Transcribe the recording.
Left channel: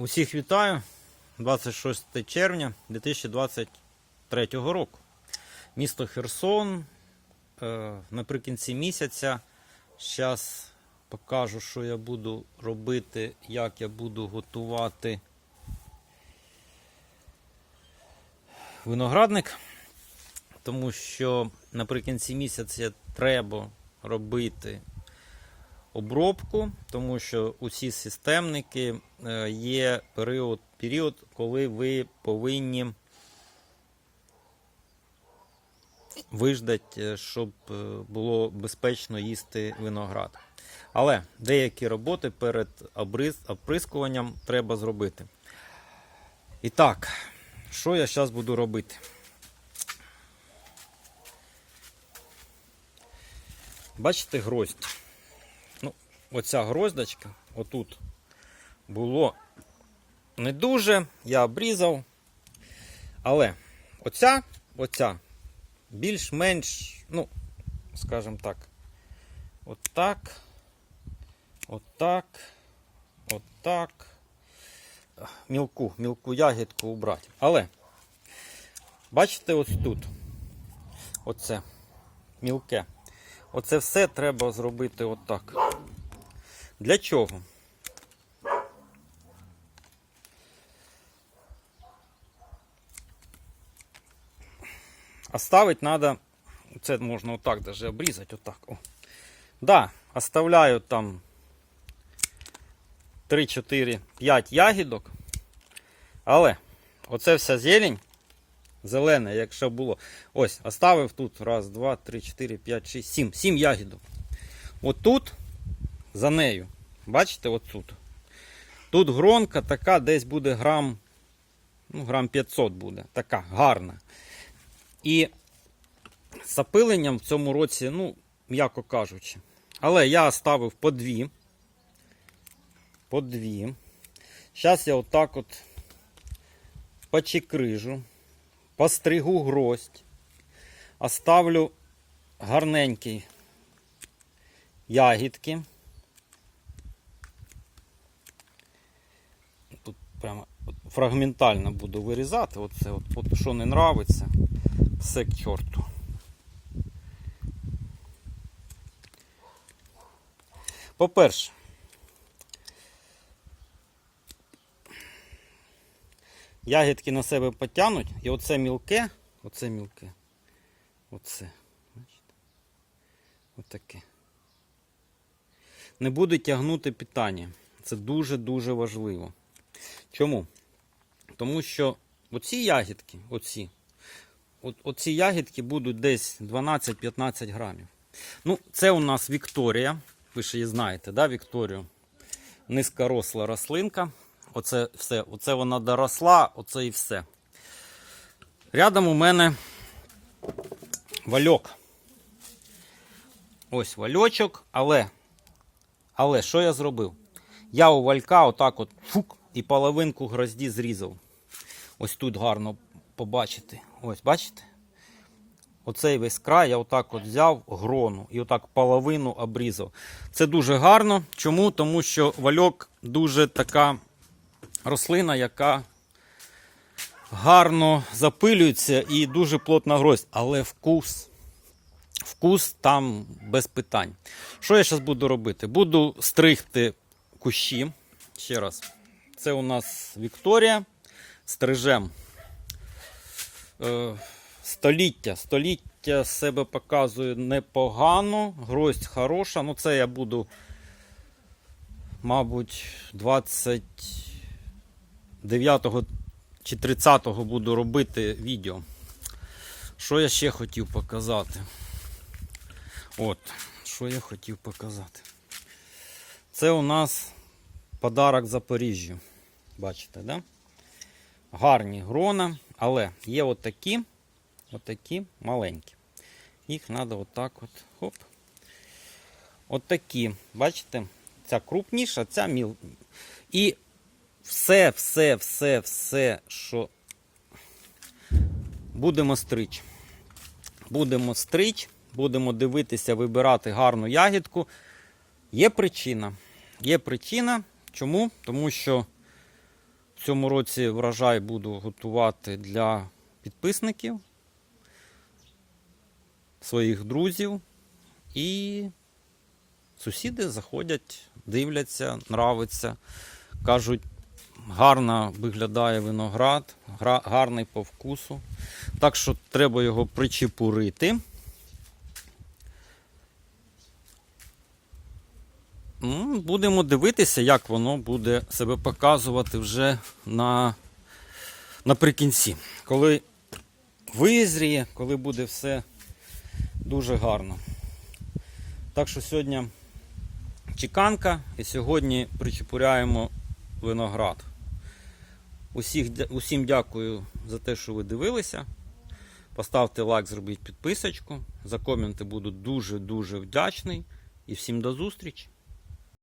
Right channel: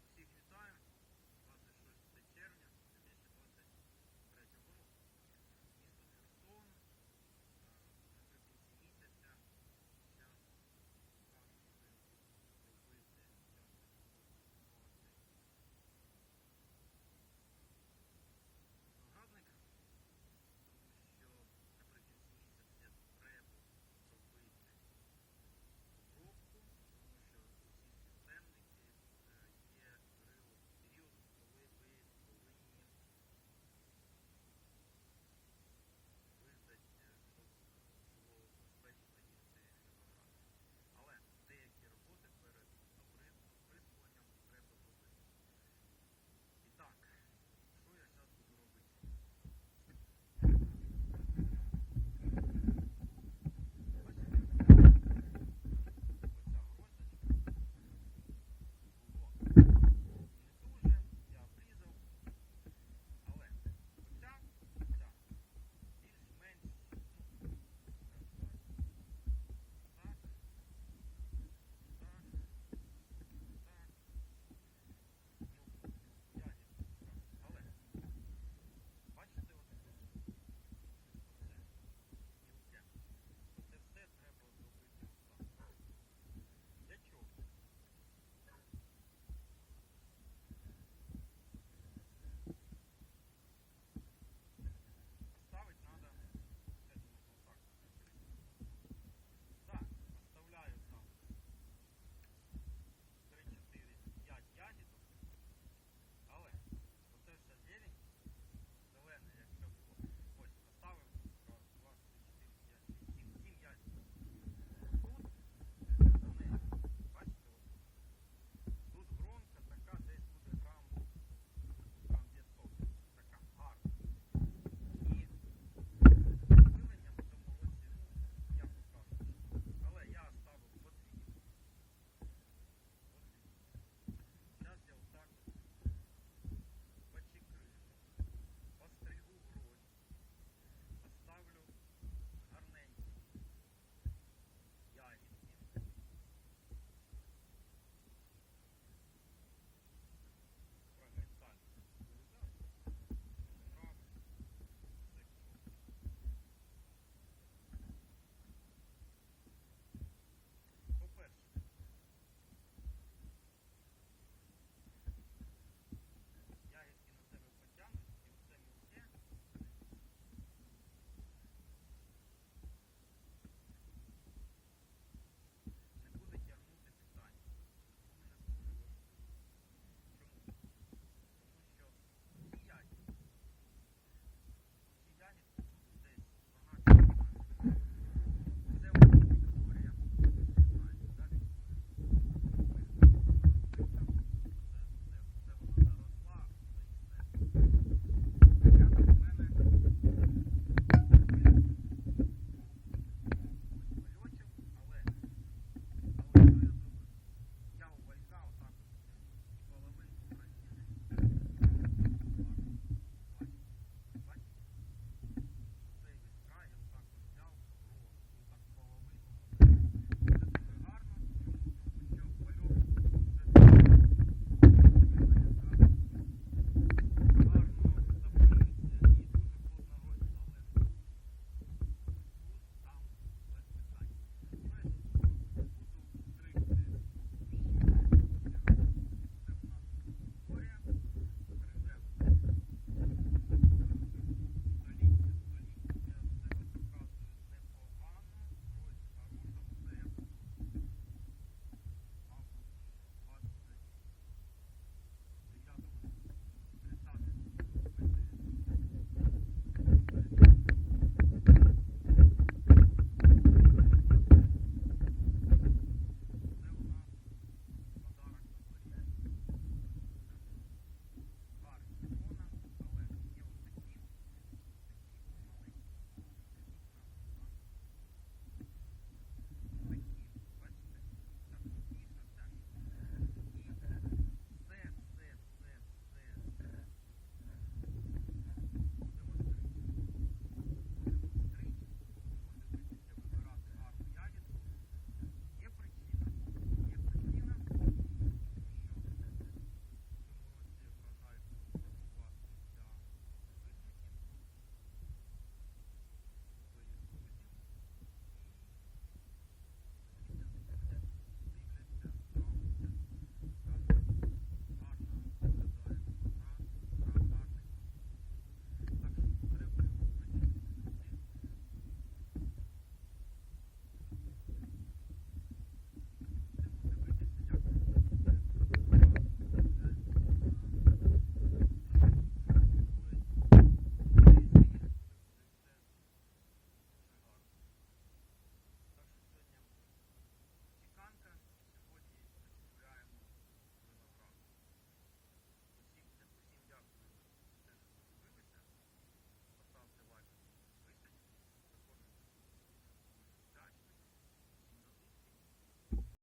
Усіх вітаю 26 червня 2023 року. Місто Херсон. Е, Наприкінці місяця. Зараз покажу, що я буду робити, як я буду готувати виноградник. Тому що наприкінці місяця треба робити обробку, тому що усі системники е, є період, період, коли ви повинні виждати, е, щоб е, було безпечно їсти виноград. Але деякі роботи перед оприскуванням треба зробити. І так, що я зараз буду робити? Бачите гроздь? Оця гроздочка, отут було не дуже, я обрізав. Але оця, оця більш-менш, ну, скажімо так, отак, отак, отак. Мілку, мілку ягідку убрати. Але, бачите, ось тут, оце, мілке. Оце все треба зробити отак. Для чого? Оставить надо, це можна отак даже обрізати, отак. О. Да, оставляю там 3, 4, 5 ягідок. Але оце вся зелень, зелене, якщо було. Ось, оставив тут. Раз, два, три, чотири, п'ять, шість, сім. Сім ягідок. От тут, за нею. Бачите, от тут. Гронка така, десь буде грам, ну, грам 500 буде. Така гарна. І запиленням в цьому році, ну, м'яко кажучи. Але я ставив по дві. По дві. Зараз я отак от почекрижу, постригу гроздь, оставлю гарненькі ягідки. Тут прямо от фрагментально буду вирізати. Оце от, от що не нравиться, все к чорту. По-перше, ягідки на себе потягнуть, і оце мілке, оце мілке, оце, бачите, отаке. Не буде тягнути питання. Це дуже-дуже важливо. Чому? Тому що оці ягідки, оці, от, оці ягідки будуть десь 12-15 грамів. Ну, це у нас Вікторія. Ви ж її знаєте, да, Вікторію? Низькоросла рослинка. Оце все, оце вона доросла, оце і все. Рядом у мене вальок. Ось вальочок, але, але що я зробив? Я у валька отак от фук і половинку грозді зрізав. Ось тут гарно побачити. Ось, бачите? Оцей весь край я отак от взяв грону і отак половину обрізав. Це дуже гарно. Чому? Тому що вальок дуже така рослина, яка гарно запилюється і дуже плотна гроздь. Але вкус, вкус там без питань. Що я зараз буду робити? Буду стригти кущі. Ще раз. Це у нас Вікторія. Стрижем. Е, Століття. Століття себе показує непогано. Гроздь хороша. Ну, це я буду, мабуть, 29 чи 30 буду робити відео. Що я ще хотів показати? От, що я хотів показати. Це у нас подарок Запоріжжю. Бачите, да? Гарні грона, але є отакі, отакі маленькі. Їх треба отак от. Хоп. Отакі. Бачите? Ця крупніша, ця міл. І все, все, все, все, що будемо стрич. Будемо стрич, будемо дивитися, вибирати гарну ягідку. Є причина. Є причина. Чому? Тому що В цьому році врожай буду готувати для підписників, своїх друзів. І сусіди заходять, дивляться, нравиться. Кажуть, гарно виглядає виноград, гарний по вкусу. Так що треба його причепурити. Будемо дивитися, як воно буде себе показувати вже на, наприкінці. Коли визріє, коли буде все дуже гарно. Так що сьогодні чеканка і сьогодні причепуряємо виноград. Усіх, усім дякую за те, що ви дивилися. Поставте лайк, зробіть підписочку. За коменти буду дуже-дуже вдячний. І всім до зустрічі!